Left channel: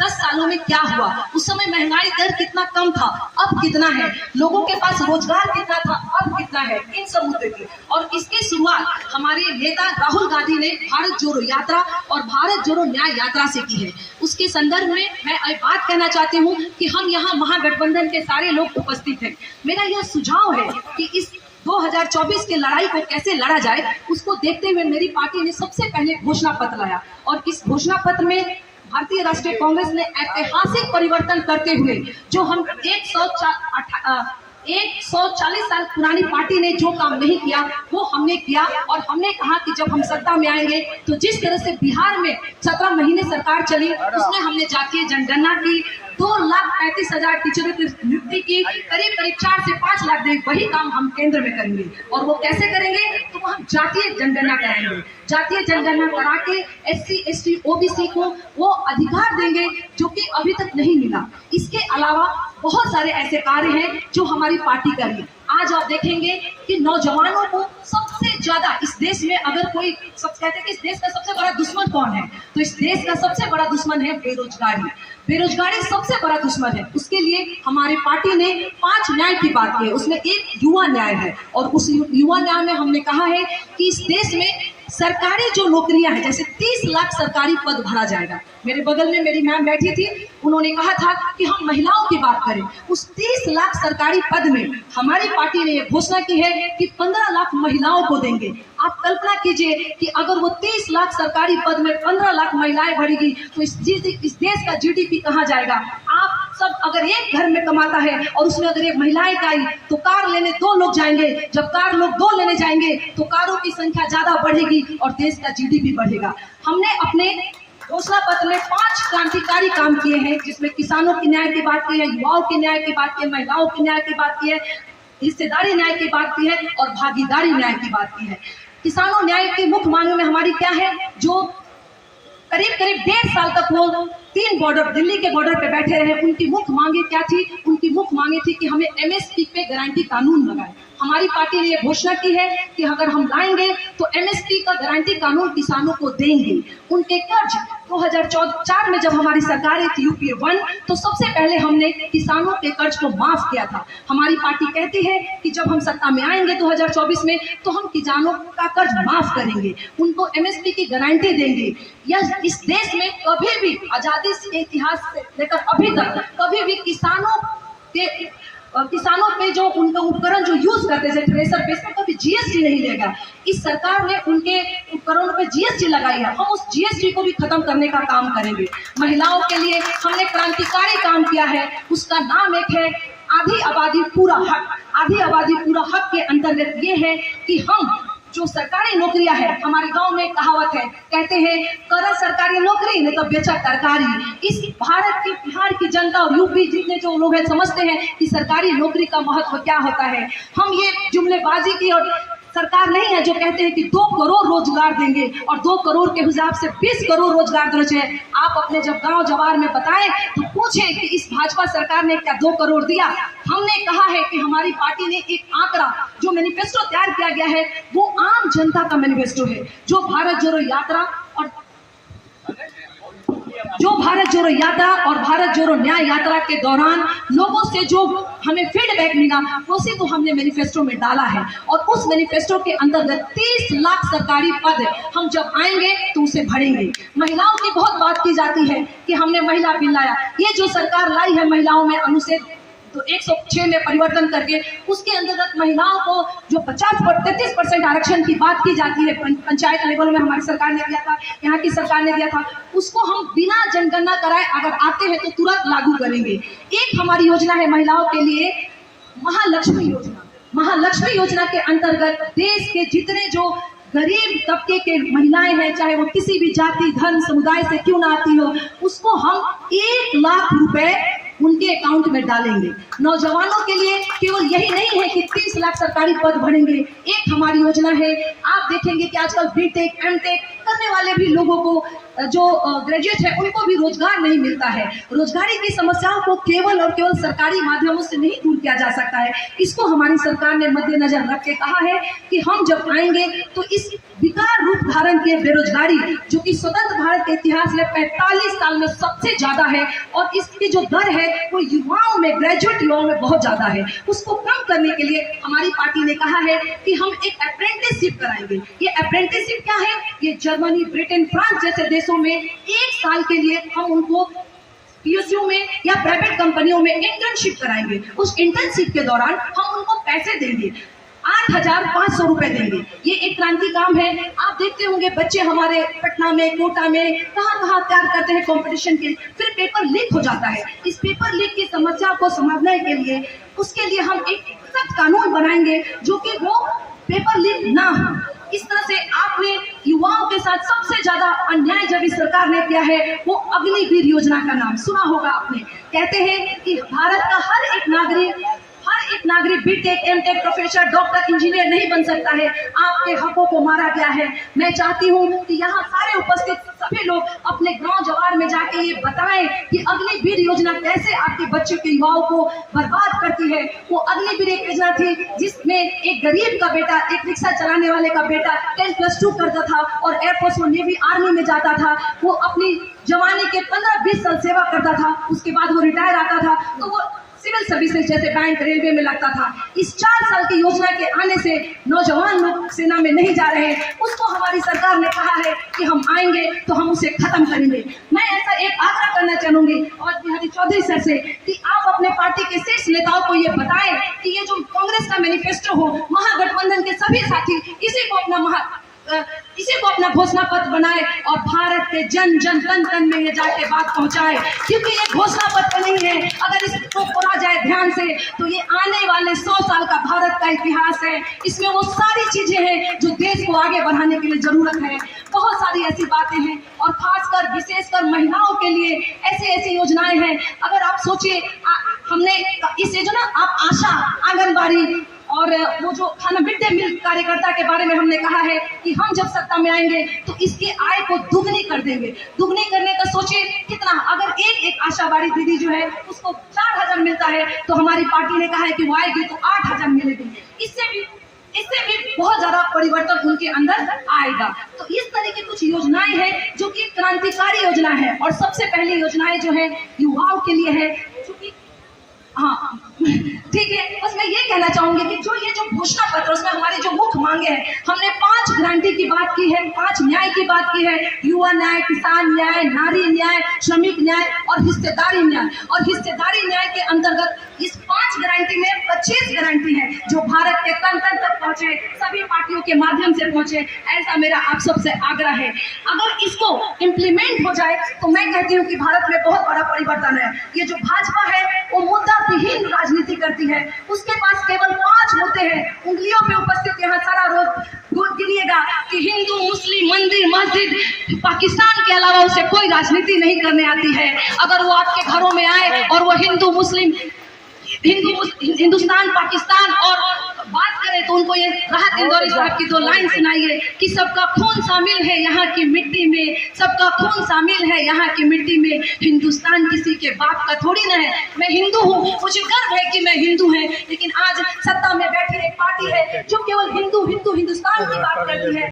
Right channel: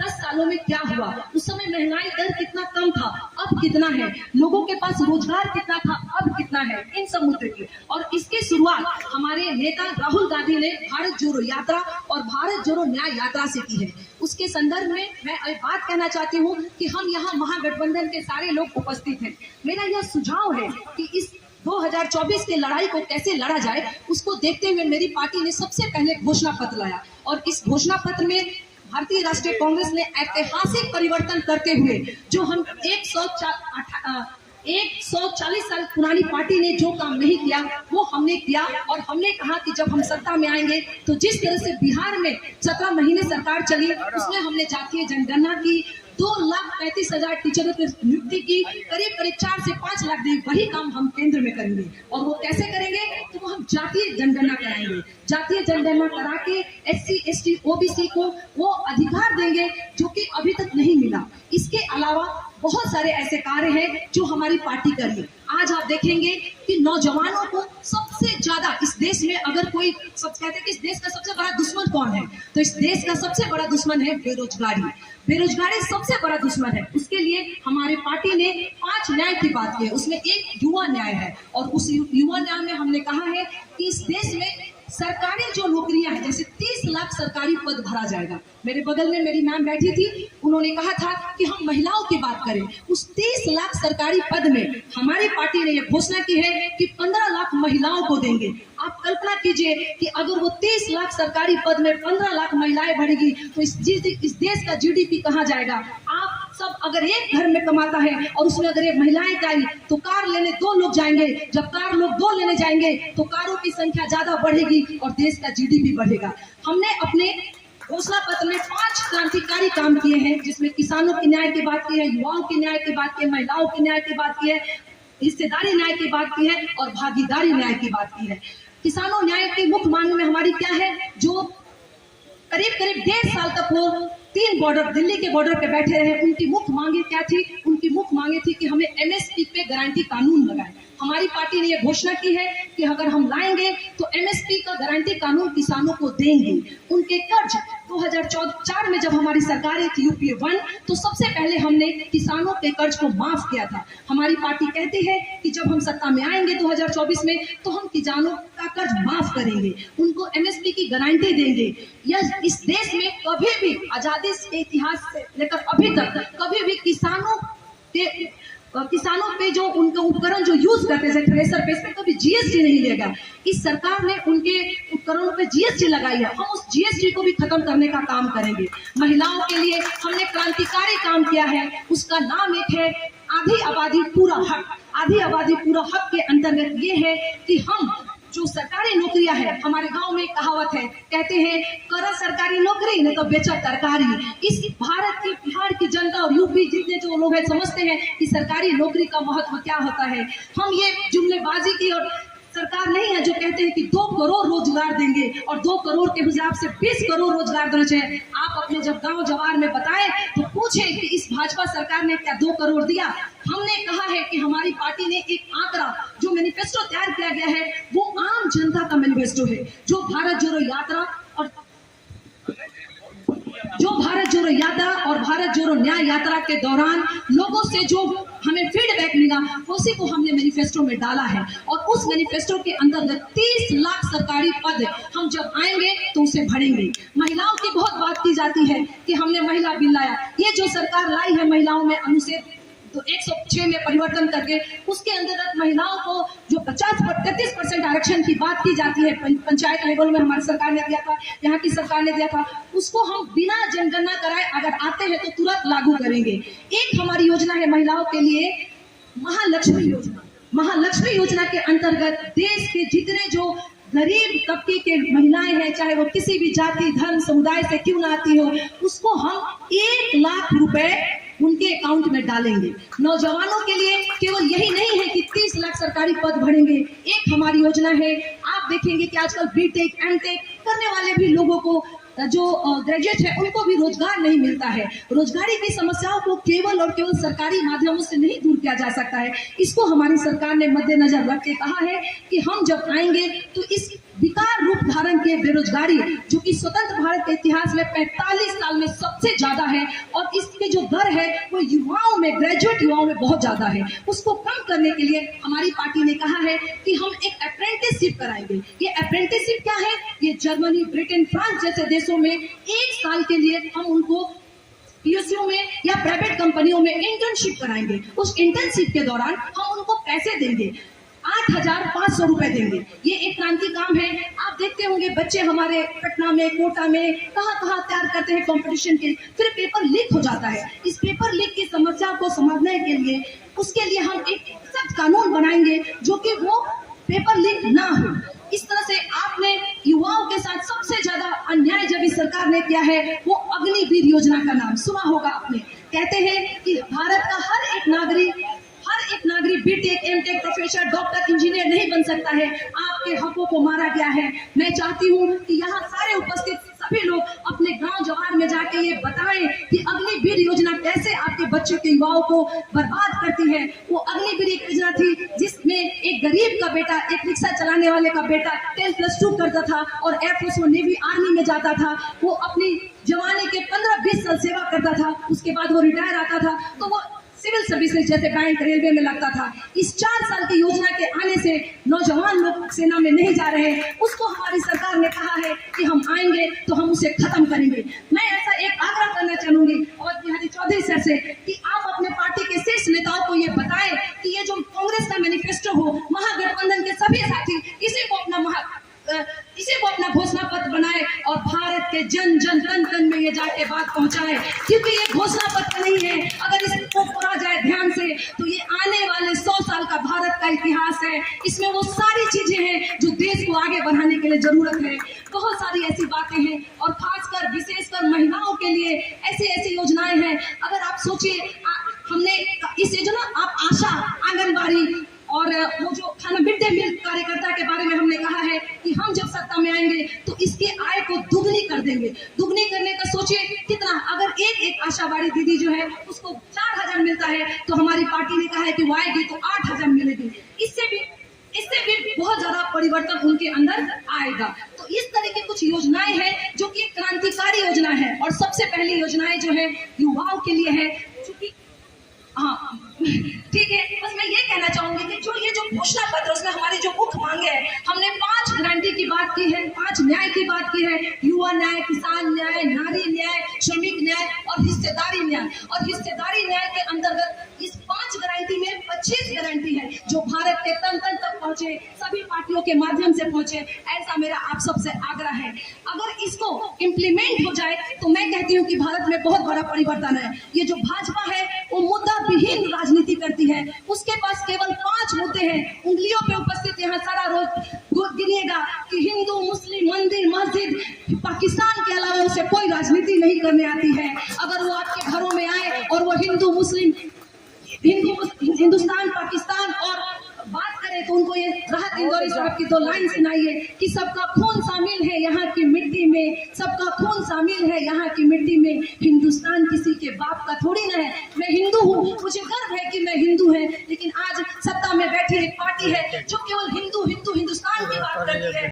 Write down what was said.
10 सालों में क्या हुआ, उस समय महंगाई दर कितना कम था, अब कितना है, लोगों के पास रोजगार कितना था, अब कितना है, इन सब मुद्दे की। और इसकी शुरुआत हमारे नेता राहुल गांधी ने भारत जोड़ो यात्रा और भारत जोड़ो न्याय यात्रा से की है। उसके संदर्भ में मैं एक बात कहना चाहती हूँ कि हम यहाँ महागठबंधन के सारे लोग उपस्थित हैं। मेरा यह सुझाव है कि इस 2024 की लड़ाई को कैसे लड़ा जाए, उसको देखते हुए मेरी पार्टी ने सबसे पहले घोषणा पत्र लाया और इस घोषणा पत्र में भारतीय राष्ट्रीय कांग्रेस ने ऐतिहासिक परिवर्तन करते हुए जो हम 140 साल पुरानी पार्टी ने जो काम नहीं किया वो हमने किया। और हमने कहा कि जब हम सत्ता में आएंगे तो जिस तरह से बिहार में 17 महीने सरकार चली उसमें हमने जातीय जनगणना की, 2,35,000 टीचरों की नियुक्ति की, करीब 4 से 5 लाख दे, वही काम हम केंद्र में करेंगे। और वो कैसे करेंगे, तो वो हम जातीय जनगणना कराएंगे। जातीय जनगणना करा के SC, ST, OBC को वो अधिकार देंगे जो कि अभी तक नहीं मिला। इसके अलावा बहुत सारे ऐसे कार्य हैं जो हमारी पार्टी करी। आज आप देखेंगे कि नौजवानों को सबसे ज्यादा इस देश में, अगर कोई सब कहते हैं कि इस देश का सबसे बड़ा दुश्मन कौन है, तो इस देश का सबसे बड़ा दुश्मन है बेरोजगारी। बेरोजगारी सबसे बड़ा दुश्मन है। उसके लिए हमारी पार्टी ने 5 न्याय की बात की है, उसमें एक युवा न्याय है। और उस युवा न्याय में हमने कहा है कि इस देश में सरकारी जो नौकरियां हैं, जैसे 30 लाख सरकारी पद भरा जाएगा। मेरे बगल में मेरी मैम बैठी थी, उन्होंने कहा था कि हम महिलाओं की बात करें। उस 30 लाख सरकारी पद में हमारी पार्टी ने यह घोषणा की है कि 15 लाख महिलाओं को देंगे। आप कल्पना कीजिए कि अगर वो 30 लाख सरकारी पद में 15 लाख महिलाएं बढ़ेगी तो इस देश का GDP कहाँ जाएगा। आप सब अगर एक घर में कमाता है और उसमें अगर ये महिलाएं का आई तो कार लेने 2 लोग जाएंगे, जब कार लोग 2 लेने जाएंगे तो कारों की संख्या ज्यादा बढ़ेगी और देश का GDP बढ़ेगा। हमने अपने घोषणा पत्र में 5 क्रांतिकारी काम किए हैं, जिसमें किसानों के न्याय की बात की है, युवाओं के न्याय की बात की है, महिलाओं के न्याय की बात की है, हिस्सेदारी न्याय की बात की है और भागीदारी न्याय की बात की है। किसानों न्याय की मुख्य मांग में हमारी क्या है, जो करीब 1.5 साल तक वो 3 बॉर्डर, दिल्ली के बॉर्डर पे बैठे रहे, उनकी मुख्य मांगे क्या थी, उनकी मुख्य मांगे थी कि हमें MSP पे गारंटी कानून लगाए। हमारी पार्टी ने यह घोषणा की है कि अगर हम लाएंगे तो MSP का गारंटी कानून किसानों को देंगे। उनके कर्ज 2004 में जब हमारी सरकार थी UPA 1, तो सबसे पहले हमने किसानों के कर्ज को माफ किया था। हमारी पार्टी कहती है कि जब हम सत्ता में आएंगे 2024 में तो हम किसानों का कर्ज माफ करेंगे, उनको MSP की गारंटी देंगे। यह इस देश में कभी भी आजादी के इतिहास से लेकर अभी तक कभी भी किसानों पे जो उनका उपकरण जो यूज करते हैं थ्रेसर पे, इस पे कभी GST नहीं लेगा। इस सरकार ने उनके उपकरणों पे GST लगाई है, हम उस GST को भी खत्म करने का काम करेंगे। महिलाओं के लिए हमने क्रांतिकारी काम किया है, उसका नाम एक है आधी आबादी पूरा हक। आधी आबादी पूरा हक के अंतर्गत ये है कि हम जो सरकारी नौकरियां है, हमारे गांव में कहावत है, कहते हैं कर सरकारी नौकरी नहीं तो बेचा तरकारी। इस भारत की, बिहार की जनता और UP जितने जो लोग हैं समझते हैं कि सरकारी नौकरी का महत्व क्या होता है। हम ये जुमलेबाजी की और सरकार नहीं है जो कहते हैं कि 2 करोड़ रोजगार देंगे और 2 करोड़ के हिसाब से 20 करोड़ रोजगार देना चाहिए। आप अपने जब गांव जवार में बताएं तो पूछें कि इस भाजपा सरकार ने क्या 2 करोड़ दिया। हमने कहा है कि हमारी पार्टी ने एक आंकड़ा, जो मैनिफेस्टो तैयार किया गया है वो आम जनता का मैनिफेस्टो है, जो भारत जोड़ो यात्रा और भारत जोड़ो न्याय यात्रा के दौरान लोगों से जो हमें फीडबैक मिला उसी को हमने मैनिफेस्टो में डाला है। और उस मैनिफेस्टो के अंतर्गत 30 लाख सरकारी पद हम जब आएंगे तो उसे भरेंगे। महिलाओं की बहुत बात की जाती है कि हमने महिला बिल लाया, ये जो सरकार लाई है महिलाओं में अनुच्छेद तो 106 में परिवर्तन करके उसके अंतर्गत महिलाओं को जो 33% आरक्षण की बात की जाती है, पंचायत लेवल में हमारी सरकार ने दिया था, यहाँ की सरकार ने दिया था, उसको हम बिना जनगणना कराए अगर आते हैं तो तुरंत लागू करेंगे। एक हमारी योजना है महिलाओं के लिए, महालक्ष्मी योजना। महालक्ष्मी योजना के अंतर्गत देश के जितने जो गरीब तबके के महिलाएं हैं, चाहे वो किसी भी जाति धर्म समुदाय से क्यों ना आती हो, उसको हम 1 लाख रुपए उनके अकाउंट में डालेंगे। नौजवानों के लिए केवल यही नहीं है कि 30 लाख सरकारी पद भरेंगे, एक हमारी योजना है, आप देखेंगे कि आजकल BTech MTech करने वाले भी लोगों को जो ग्रेजुएट है उनको भी रोजगार नहीं मिलता है। रोजगारी की समस्याओं को केवल और केवल सरकारी माध्यमों से नहीं दूर किया जा सकता है। इसको हमारी सरकार ने मद्देनजर रख के कहा है कि हम जब आएंगे तो इस विकार रूप धारण के बेरोजगारी, जो कि स्वतंत्र भारत के इतिहास में 45 साल में सबसे ज्यादा है, और इसकी जो दर है वो युवाओं में, ग्रेजुएट युवाओं में बहुत ज्यादा है, उसको कम करने के लिए हमारी पार्टी ने कहा है कि हम एक अप्रेंटिसशिप कराएंगे। ये अप्रेंटिसशिप क्या है? ये जर्मनी, ब्रिटेन, फ्रांस जैसे देशों में 1 साल के लिए हम उनको पीएसयू में या प्राइवेट कंपनियों में इंटर्नशिप कराएंगे। उस इंटर्नशिप के दौरान हम उनको पैसे देंगे, 8,500 रुपए देंगे। ये एक क्रांति काम है। आप देखते होंगे बच्चे हमारे पटना में, कोटा में, कहाँ तैयार करते हैं कंपटीशन के, फिर पेपर लीक हो जाता है। इस पेपर लीक की समस्या को समाधान के लिए, उसके लिए हम एक सख्त कानून बनाएंगे जो कि वो पेपर लीक ना हो। इस तरह से आपने युवाओं के साथ सबसे ज्यादा अन्याय जब इस सरकार ने किया है वो अग्निवीर योजना का नाम सुना होगा आपने। कहते हैं कि भारत का हर एक नागरिक BTech, MTech, professor, doctor, engineer नहीं बन सकता है। आपके हकों को मारा गया है। मैं चाहती हूँ कि यहाँ सारे उपस्थित सभी लोग अपने गांव जवार में जाके ये बताएं कि अग्निवीर योजना कैसे आपके बच्चों के युवाओं को बर्बाद करती है। वो अग्निवीर एक योजना थी जिसमें एक गरीब का बेटा, एक रिक्शा चलाने वाले का बेटा 10+2 करता था और एयरफोर्स और नेवी आर्मी में जाता था। वो अपनी जवानी के 15-20 साल सेवा करता था, उसके बाद वो रिटायर आता था तो वो सिविल सर्विसेज जैसे बैंक, रेलवे में लगता था। इस 4 साल की योजना के आने से नौजवान लोग सेना में नहीं जा रहे हैं। उसको हमारी सरकार ने कहा है कि हम आएंगे तो हम उसे खत्म करेंगे। मैं ऐसा एक आग्रह करना चाहूंगी और बिहारी चौधरी सर से कि आप अपने पार्टी के शीर्ष नेताओं को ये बताएं कि ये जो कांग्रेस का मैनिफेस्टो हो, महागठबंधन के सभी साथी इसी को अपना घोषणा पत्र बनाए और भारत के जन जन तन तन में ये जाके बात पहुंचाए, क्योंकि ये घोषणा पत्र नहीं है। अगर इसको पढ़ा जाए ध्यान से तो ये आने वाले 100 साल का भारत का इतिहास है। इसमें वो सारी चीजें हैं जो देश को आगे बढ़ाने के लिए जरूरत है। बहुत सारी ऐसी बातें हैं और खासकर विशेषकर महिलाओं के लिए ऐसी योजनाएं हैं। अगर आप सोचिए, हमने इस योजना, आप आशा, आंगनबाड़ी और वो जो खाना मिड डे मील कार्यकर्ता के बारे में हमने कहा है कि हम जब सत्ता में आएंगे तो इसकी आय को दुगनी कर देंगे। दुगनी करने का सोचिए कितना, अगर एक आशावादी दीदी जो है उसको 4,000 मिलता है तो हमारी पार्टी ने कहा है कि वो आएगी तो 8,000 मिलेगी। इससे भी बहुत ज्यादा परिवर्तन उनके अंदर आएगा। तो इस तरह की कुछ योजनाएं हैं जो कि क्रांतिकारी योजना है। और सबसे पहली योजनाएं जो है युवाओं के लिए है, चूंकि हाँ ठीक है, बस मैं ये कहना चाहूंगी कि जो ये जो घोषणा पत्र, उसमें हमारी जो मुख्य मांगे हैं, हमने 5 गारंटी की बात की है, 5 न्याय की बात की है, युवा न्याय, किसान न्याय, नारी न्याय, श्रमिक न्याय और हिस्सेदारी न्याय। और हिस्सेदारी न्याय के अंतर्गत इस 5 गारंटी में 25 गारंटी है जो भारत के तन तन तक पहुंचे, सभी पार्टियों के माध्यम से पहुंचे। ऐसा मेरा आप सबसे आग्रह है। अगर इसको इम्प्लीमेंट हो जाए तो मैं कहती हूँ कि भारत में बहुत बड़ा परिवर्तन है। ये जो भाजपा है वो मुद्दा विहीन राजनीति करती है। उसके पास केवल 5 मुद्दे हैं, उंगलियों पे उपस्थित यहाँ सारा रोज गिनिएगा कि हिंदू, मुस्लिम, मंदिर, मस्जिद, पाकिस्तान के अलावा उसे कोई राजनीति नहीं करने आती है। अगर वो आपके घरों में आए और वो हिंदू, मुस्लिम, हिंदुस्तान, पाकिस्तान और बात करें तो उनको ये राहत इंदौरी साहब की 2 लाइन सुनाइए कि सबका खून शामिल है यहाँ की मिट्टी में, सबका खून शामिल है यहाँ की मिट्टी में, हिंदुस्तान किसी के बाप का थोड़ी ना है। मैं हिंदू हूँ, मुझे गर्व है कि मैं हिंदू है, लेकिन आज सत्ता में बैठी एक पार्टी है जो केवल हिंदू हिंदुस्तान की बात करती है।